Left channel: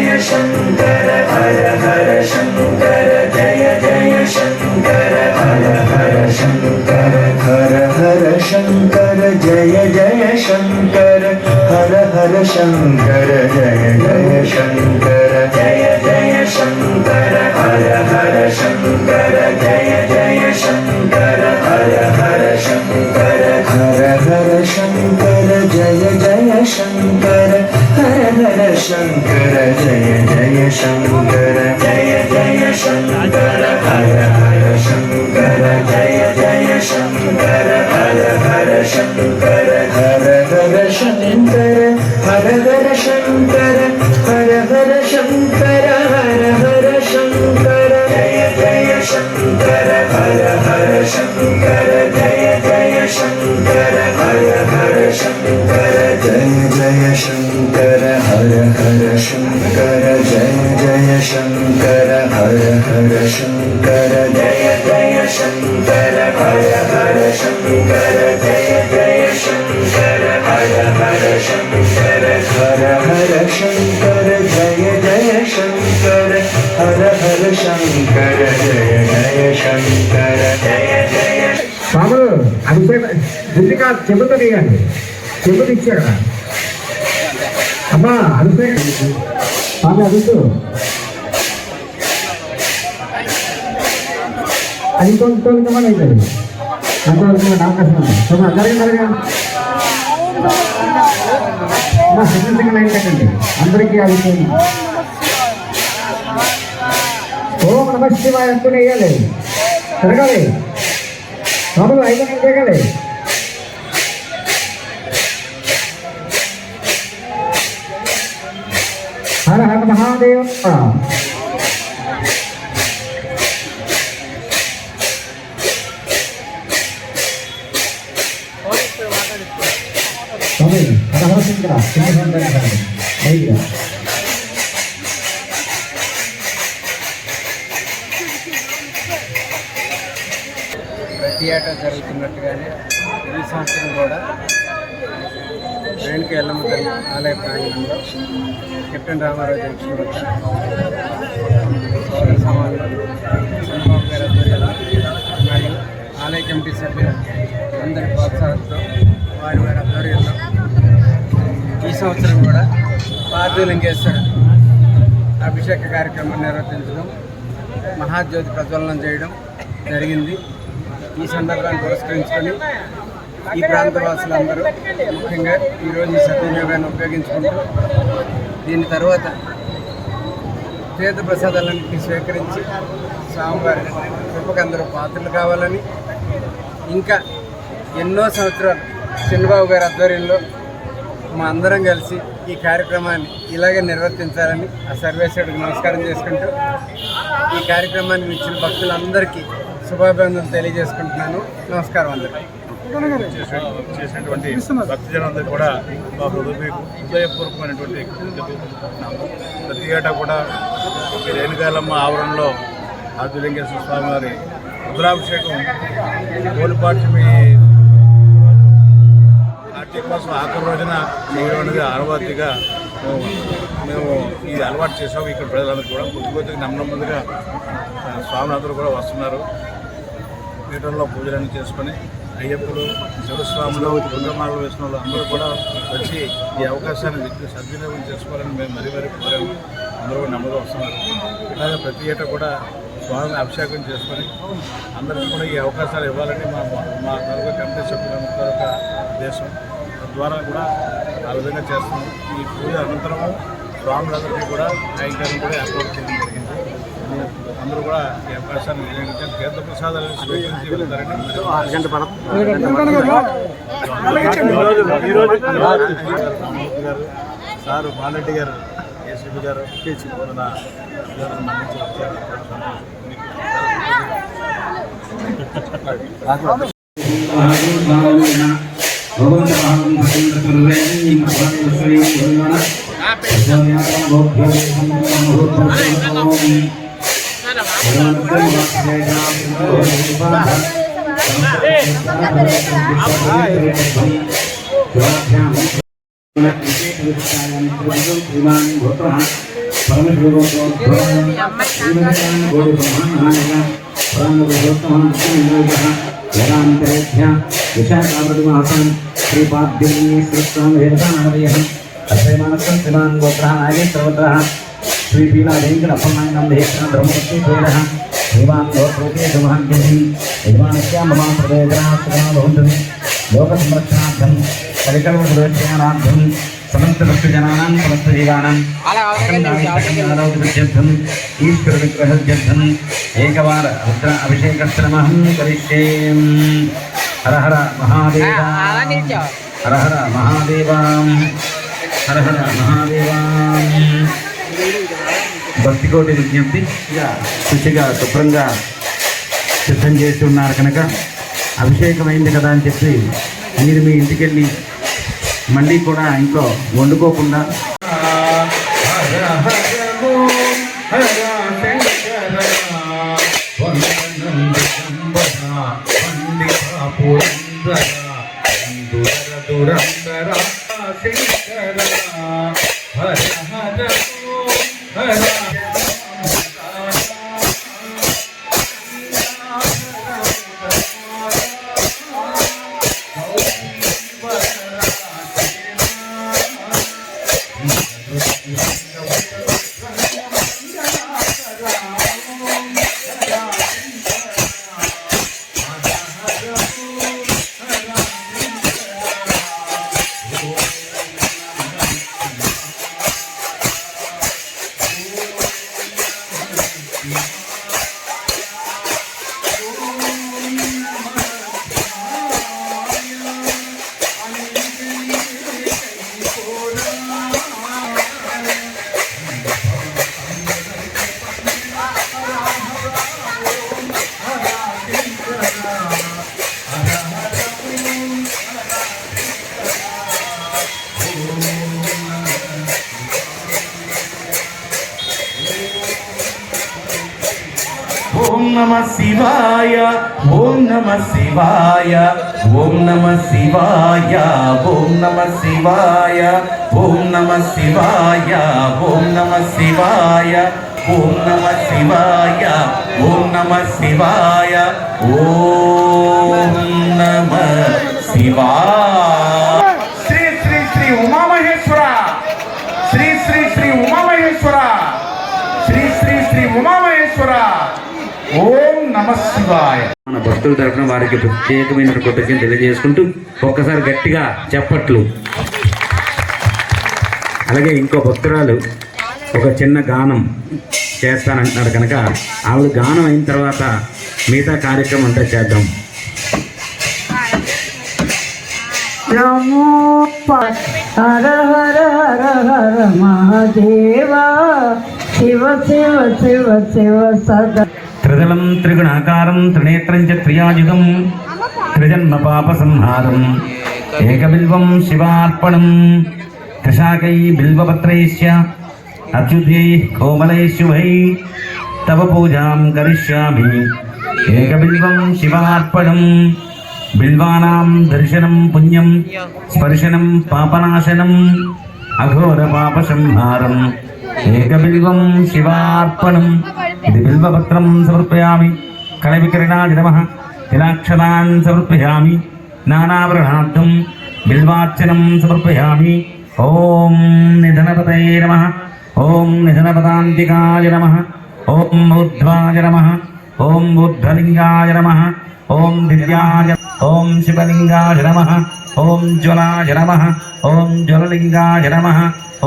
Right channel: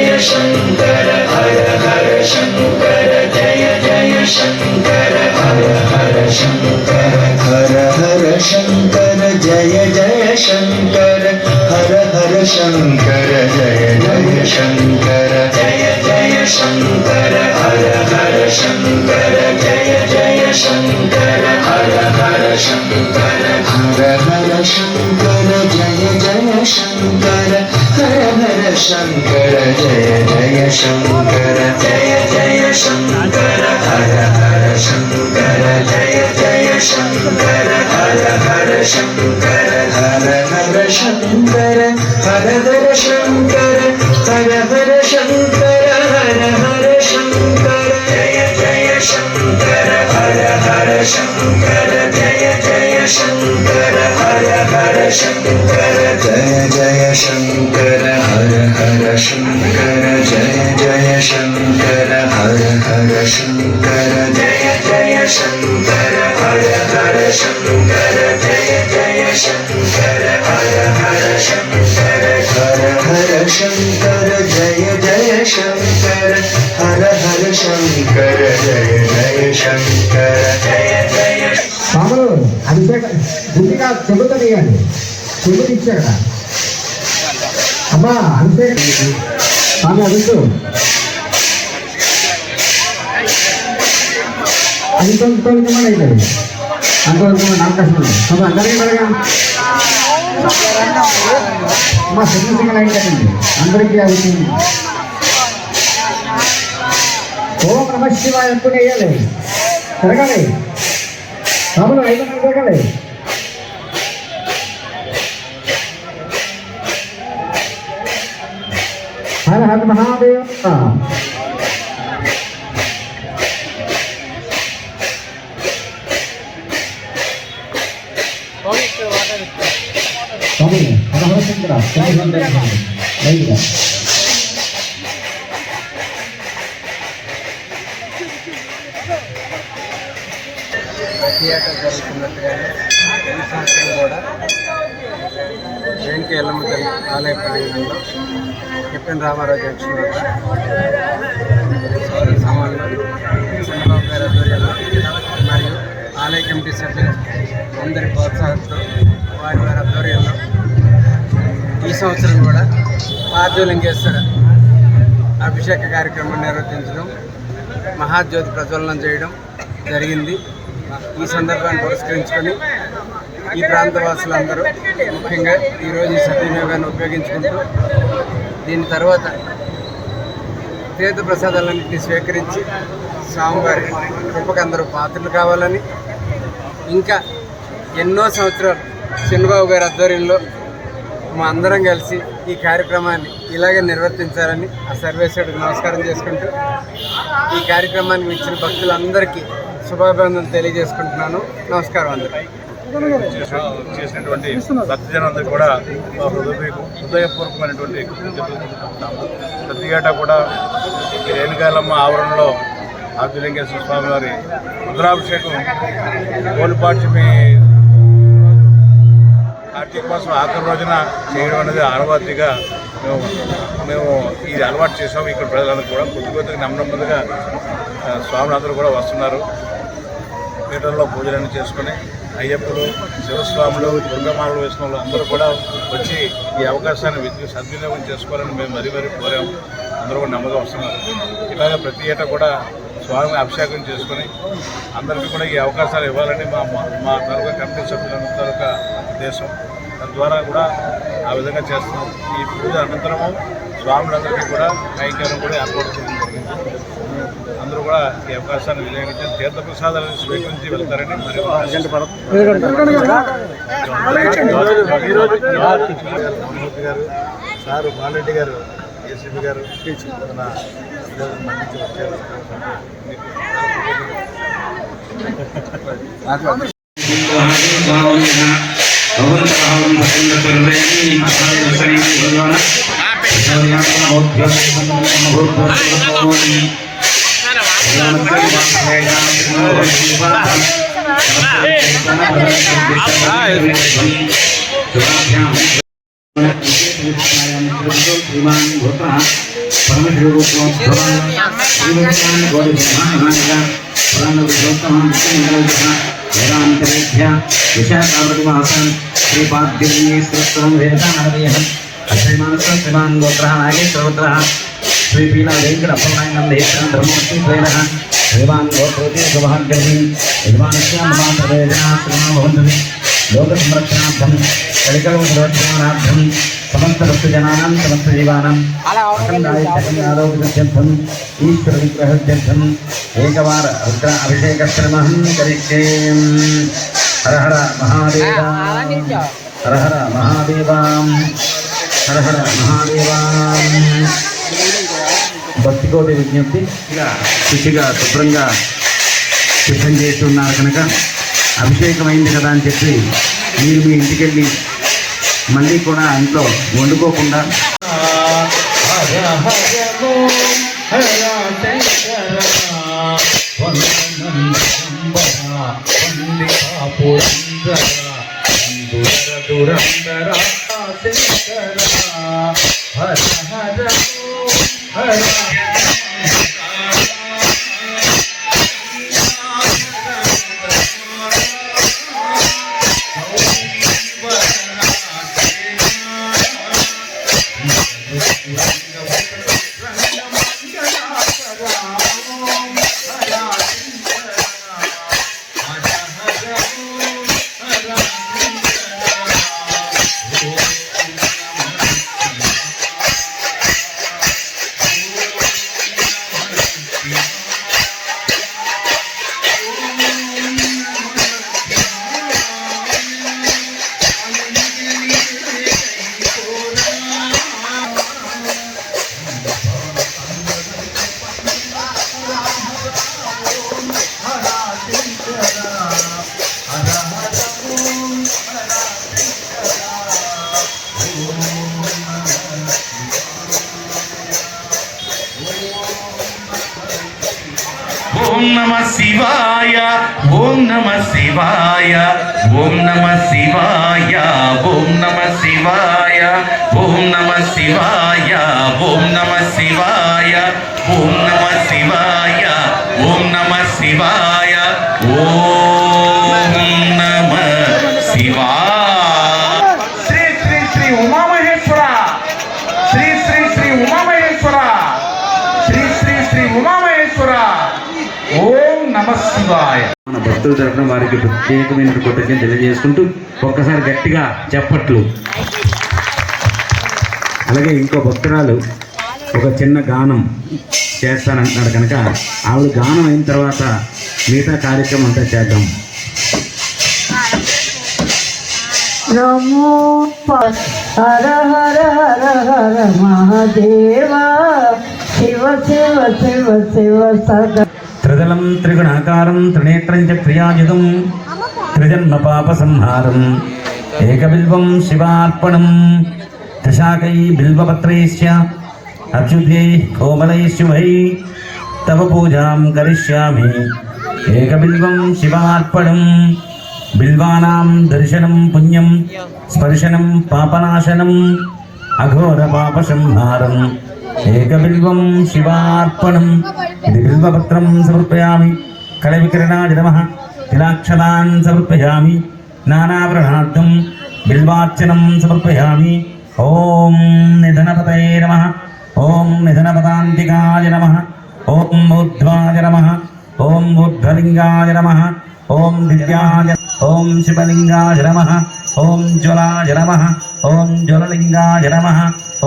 जय शंकर हर हर शंकर जय जय शंकर हर हर शंकर हर हर शंकर जय जय शंकर हर हर शंकर जय जय शंकर जय जय शंकर हर हर शंकर जय जय शंकर हर हर शंकर हर हर शंकर जय जय शंकर हर हर शंकर जय जय शंकर जय जय शंकर हर हर शंकर जय जय शंकर हर हर शंकर हर हर शंकर हर हर शंकर हर हर शंकर हर हर शंकर जय जय शंकर हर हर शंकर जय जय शंकर हर हर शंकर जय जय शंकर हर हर शंकर जय जय शंकर हर हर शंकर जय जय शंकर हर हर शंकर जय जय शंकर हर हर शंकर हर हर शंकर जय जय शंकर हर हर शंकर जय जय शंकर जय जय స్వాములు అభిషేక దుర్గా చెబుతూ వేయాలి చెబుతూ ఇచ్చా కదా అమ్మా అభిషేక స్వామి అభిషు అది తొలితొలికమని అవుతుంది అంతవరకు నాకు కష్టం స్వామి అందరికీ మరగా అమ్మా సింగల్ అయిందండి అందరికీ అభిషేకం ఓం నమ శివాయ ఎప్పుడు వేయాలి తిరగాలి స్వాములు 5 మంది తిరగాలి హర హర మహాదేవ స్వామి హర హర శంకర థియేటర్ జరుగుతున్నట్టుగానే ఈ సంవత్సరం కూడా రేణుక ఎల్లమ్మ తల్లి ఆలయ ప్రాంగణంలో కెప్టెన్ రామారావు జంక్షన్ వద్ద సోదర సమానులు చంద్రబాబు గారి ఆధ్వర్యంలో మరియు ఆలయ కమిటీ సభ్యులు అందరి ప్రోత్సాహంతో వారి ఆధ్వర్యంలో ఈ సంవత్సరం కూడా పార్థివలింగేశ్వర అభిషేక కార్యక్రమం నిర్వర్తించడం, మహాజ్యోతి ప్రజ్వలనం చేయడం జరిగింది. ఈ సందర్భాన్ని పురస్కరించుకొని ఈ ప్రాంత వాసులందరూ ముఖ్యంగా ఈరోజు ఈ సద్వినియోగాన్ని ఉపయోగించుకుంటూ దీని తర్వాత తీర్థ ప్రసాదాలన్నింటినీ స్వీకరించి స్వామివారి కృపకు అందరూ పాత్రలు కావాలని, ఇంకా ఎన్నో సంవత్సరాలు చంద్రబాబు గారి ఆధ్వర్యంలో మా అందరం కలిసి ఈ కార్యక్రమాన్ని ఇలాగే నిర్వర్తించాలని ఆ సర్వేశ్వరుడికి నమస్కారం చేసుకుంటూ ఈ కార్యక్రమానికి ఇచ్చిన భక్తులందరికీ శుభాభివందనలు తెలియజేసుకుంటున్నాను. నమస్కారం అందరికీ. చేసినటువంటి భక్తజనందరికీ కూడా మా హృదయపూర్వకమైనటువంటి చెప్పుకుంటున్నాము. ప్రతి ఏటా కూడా ఈ రేణుకాయలమ్మ ఆవరణలో పార్థివలింగేశ్వర స్వామి వారి రుద్రాభిషేకం గోలిపాడ్యమి కార్తీక మాసం ఆఖరి రోజున చేయడం అనేది ఆనవాయితీగా మేము ఇది అలవాటు చేసాము. ఇక్కడ ప్రజలందరూ కూడా కొద్దిగా నెమ్మదిగా స్వాములందరూ కూడా వస్తున్నారు. పీఠంలో పూజలన్నీ చేసుకొని అయ్యప్పలు, శివస్వాములు, దుర్గమాలలు వేసిన వాళ్ళు అందరూ కూడా వచ్చి ఈ అవకాశాన్ని సద్వినియోగం చేసుకోవాలని మేము మరీ కోరాము. అందరూ కూడా నెమ్మదిగా వస్తున్నారు. ఇలాగే ప్రతి ఏటా కూడా స్వామి అభిషేకం చేసుకొని అందరికీ కూడా ఈ అవకాశాలు ఇవ్వాలని మా తాలూకా కమిటీ సభ్యులందరూ ఒక ఉద్దేశం. తద్వారా కూడా ఆ విధంగా చేస్తున్నాం. ఈ పూజ అనంతరము స్వాములందరికీ కూడా కైంకర్యం కూడా ఏర్పాటు చేయడం జరిగింది. అందరూ కూడా ఈ అవకాశాన్ని వినియోగించి తీర్థ ప్రసాదాలను స్వీకరించి వెళ్తారని మరియు రామమూర్తి గారు, సారు బాలరెడ్డి గారు, ఏసీపీ గారు మన అభ్యర్థులు మన్నించి వచ్చారు. श्रीमान भूतः వేదాంతరేభ్య విశాఖావతిమాసాన్ శ్రీపాద్యే శ్రీస్వామి వేదానాదయ అశ్వమానస్వ శ్రీమాన్ గోత్రః నాగేశ్వరగోత్రః శ్రీపీలా వెంకట అప్పలనాయకం దేశం బ్రహ్మవతి ద్వైరః శ్రీమాన్ గోత్రోతి శుభాగ్యమి యజమానస్య మమ ప్రయోజనాశ్రమం భవంతు లోక సంరక్షణార్థం కలికలం సురక్షణార్థం సమస్త భక్తజనానాం సమస్త జీవానాం ఆరోగ్యం ఈశ్వర విగ్రహం ఏకవార రుద్ర అభిషేకశ్రమహం కరిష్యే హర హర మహాదేవ హర హర మహాదేవ హర హర మహాదేవ భక్తికోటి విజ్ఞప్తి శుచిగా శుభ్రంగా సిద్ధం చేసి ఉన్నారు కనుక అభిషేకమైంది కదా అని చెప్పి మీరు మీ ఇంటికెళ్ళి మళ్ళీ కూడా ఇంట్లో వండుకోకుండా ఓం నమః శివాయ ఓం నమః శివాయ ఓం నమః శివాయ ఓం నమః శివాయ ఓం నమః శివాయ ఓం నమః శివాయ ఓం నమః శివాయ ఓం నమః శివాయ ఓం నమః శివాయ. శ్రీ శ్రీ శ్రీ ఉమామహేశ్వర శ్రీ శ్రీ శ్రీ ఉమామహేశ్వర శ్రీ శ్రీ శ్రీ ఉమామహేశ్వర ఓం నమః శివాయ. మన భక్తుల తరఫున వారికి ప్రత్యేకమైన కృతజ్ఞతలు తెలియజేసుకుంటూ ఒక్కసారి గట్టిగా చెప్పట్లు. అలాగే ఇంకో భక్తురాలు ఒక చిన్న గానం చేస్తానంటున్నాడు కనుక ఆవిడ గానం అయిన తర్వాత మిగతా కార్యక్రమం అంతా చేద్దాం. హర హర హర హర మహాదేవ శివ శివ శివ శివ సదా త్రిదళం త్రిగుణాకారం త్రినేత్రం చ త్రియాజితం త్రిజన్మ పాప సంహారం ఏకబిల్వం శివార్పణం త్రిశాకై బిల్వపత్రైశ్చ అచ్యుతై కోమలై శుభై తవ పూజాం కరిష్యామి ఏకబిల్వం శివార్పణం బిల్వానాం దర్శనం పుణ్యం స్పర్శనం పాపనాశనం అఘోర పాప సంహారం ఏకబిల్వం శివార్పణం. ఇది బిల్వపత్రం సమర్పయామి. కళవికిరణాయ నమః. తిలాక్షరాన్ సమర్పయామి. నానావరణార్థం బిల్వార్చనం సమర్పయామి. ఓం నిధనపతయే నమః. ఓం నిధనపదాంతికాయ నమః. ఓం ఊర్ధ్వాయ నమః. ఓం ఊర్ధ్వలింగాయ నమః. ఓం దివ్యాయ ఓం శివలింగాయ నమః. ఓం జ్వలాయ నమః. ఓం జ్వలలింగాయ నమః.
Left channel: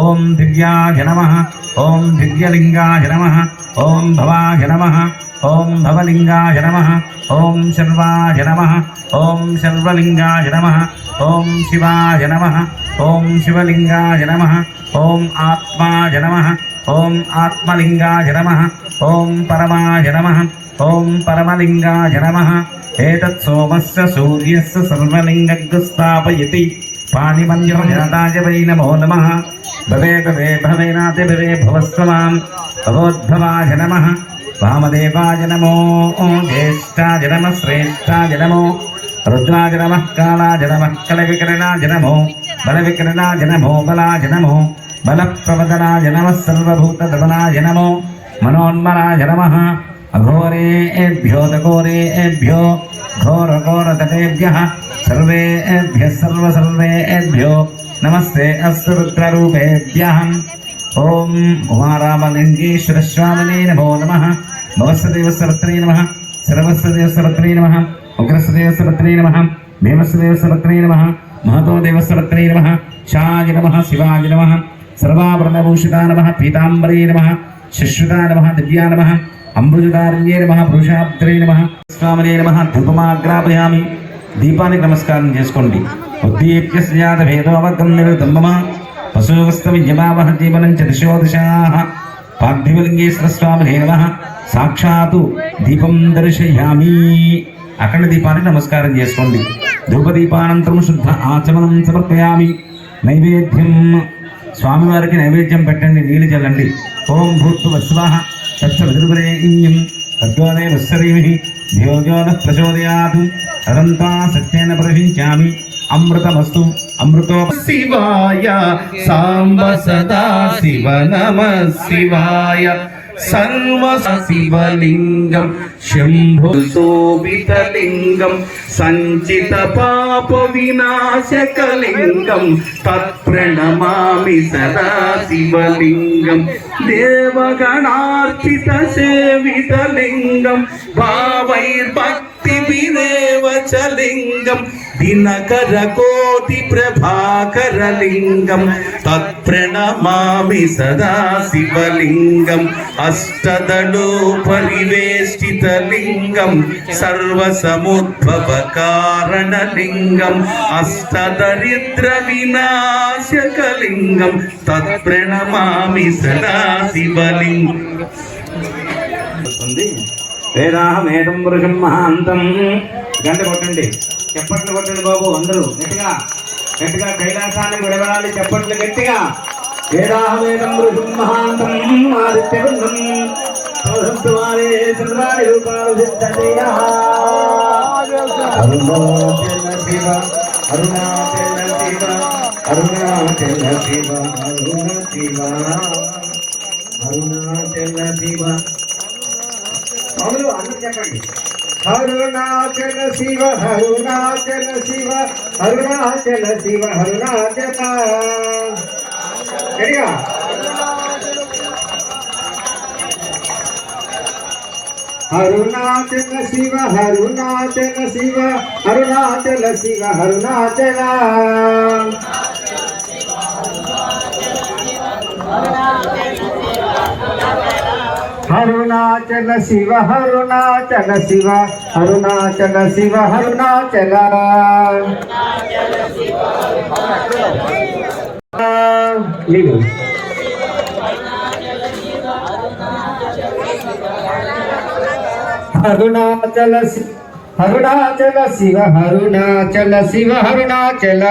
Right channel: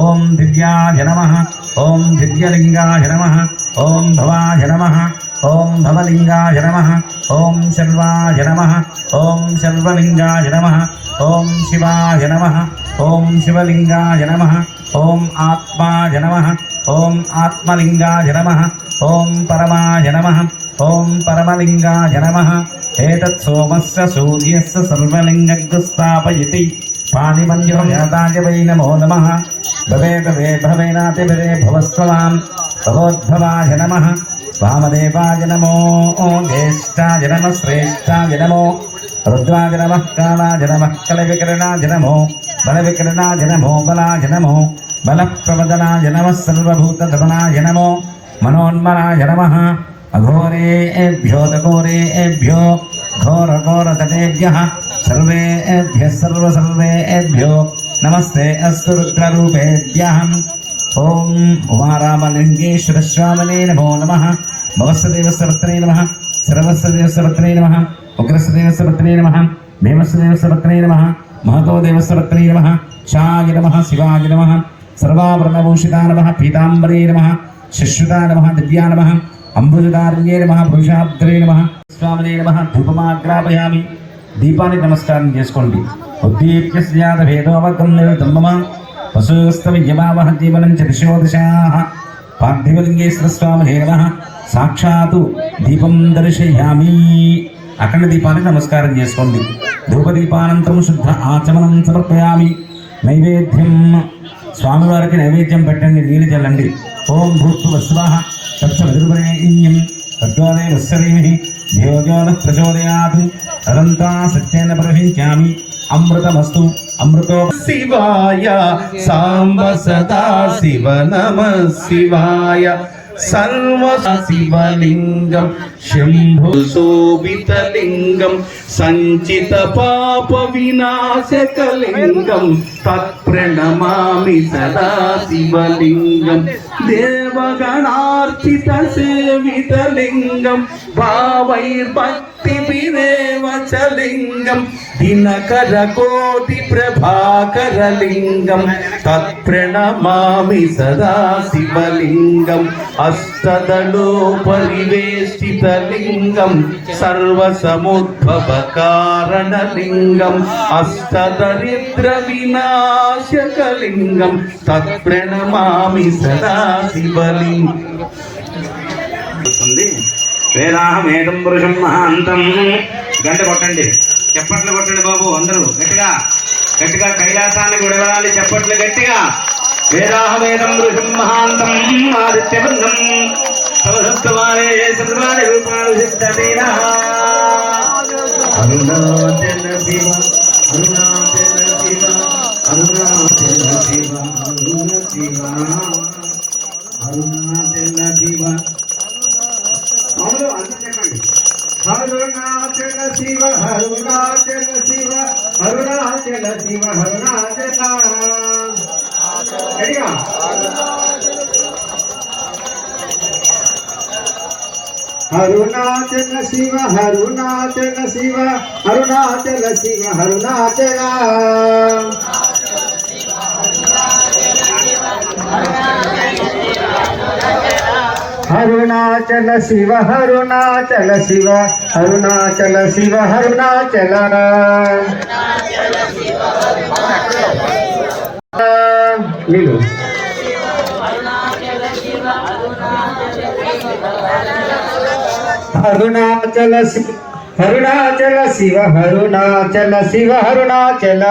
ఓం దివ్యాయ నమః. ఓం దివ్యలింగాయ నమః. ఓం భవాయ నమః. ఓం భవలింగాయ నమః. ఓం శర్వాయ నమః. ఓం శర్వలింగాయ నమః. ఓం శివాయ నమః. ఓం శివలింగాయ నమః. ఓం ఆత్మాయ నమః. ఓం ఆత్మలింగాయ నమః. ఓం పరమాయ నమః. ఓం పరమలింగాయ నమః. ఏతత్ సోమస్య సూర్యస్య సర్వలింగస్థాపయతి పాణిమంజపజాతాయ వై నమో నమః. భవే భవే భవేనాతి భవే భవస్వమాన్ భవోద్భవాయ నమః. వామదేవాయ నమో. జ్యేష్ఠాయ నమః. శ్రేష్ఠాయ నమో. రుద్రాయ నమః. కాలాయ నమః. కలవికరణాయ నమో. బలవికరణాయ నమో. బలాయ నమో. बलप्रवदनाय नमः सर्वभूतधवनाय नमो मनोन्मनाय नमः अघोरेभ्यो तघोरेभ्यो घोरघोरतटेभ्यः सर्वेभ्यः सर्वेभ्यो नमस्ते अस्तु रुद्ररूपेभ्यः ओम उमारामलिंगेश्वर स्वामिने नमो नमः भवस्देवसरत्रे नमः सर्वस्देवसरत्रे नमः उग्रस्देवसरत्रे नमः भीमस्देवसरत्रे नमः महतो देवसरत्रे नमः शाय नमः शिवाय नमः सर्वाभरणभूषिता नमः पीताम्बरे नमः शिश्रुता नमः दिव्या नमः अम्बुजदारण्ये नमः पुरुषाब्द्रे नमः स्वामिने नमः धूपमाग्रापयामि दीपानि नमस्कारं చేసుకోండి ఉద్దీప్య స్యాద భేదోవగం నివృతమమ పశువస్తవియమావహ జీవనం చ దిశో దిశాః పార్థివలింగేశ్వర స్వామినే నమః సాక్షాత్ దీపం దర్శయామి అఖండ దీపాన్ని నమస్కారం చేసుకోండి ధూపదీపానంతరం శుద్ధ ఆచమనం సమర్పయామి నైవేద్యం స్వామివారికి నైవేద్యం పెట్టండి నీళ్ళు చల్లండి ఓం భూత్వ స్వాహ తత్సవిదుర్వరేణ్యం తద్వానే వత్సరేమిః ధ్యోజోన ప్రచోదయాత్ అదంతా సత్యేన ప్రవహించామి అమృతమస్తు అమృతో శివాయ సాంబ సదా శివ నమ శివాయ సర్వ శివలింగం శంభు శోభితలింగం సంచిత పాప వినాశకలింగం తత్ప్రణమామి సదా శివలింగం దేవగణార్చిత సేవితలింగం భావైర్భక్తి వినేవచలింగం దినకర కోటి ప్రభాకరలింగం తత్ప్రణమామి సదా శివలింగం అష్టదళో పరివేష్టితలింగం సర్వసముద్భవ కారణలింగం అష్టదరిద్ర వినాశకలింగం తత్ప్రణమామి సదా శివలింగం వేదాహమేకం పురుషం మహాంతం గంట కొట్టండి చప్పట్లు కొట్టండి బాబు అందరూ గట్టిగా గట్టిగా కైలాసాన్ని విడవడాలి చప్పట్లు గట్టిగా వేదాహమేకం పురుషం మహాంతం ఆదిత్యబంధం సౌధత్వాలే సర్వాణి రూపాలు సిద్ధతేనః అరుణాచల శివ అరుణాచల శివ అరుణాచల శివ అరుణ శివ అరుణాచల శివ అందరూ చెప్పండి అరుణాచల శివ అరుణాచల శివ అరుణాచల శివ అరుణాచల అరుణాచల శివ అరుణాచల శివ అరుణాచల శివ అరుణాచల అరుణాచల శివ అరుణాచల శివ అరుణాచల శివ అరుణాచల నీళ్ళు అరుణాచల శివ అరుణాచల శివ అరుణాచల శివ అరుణాచల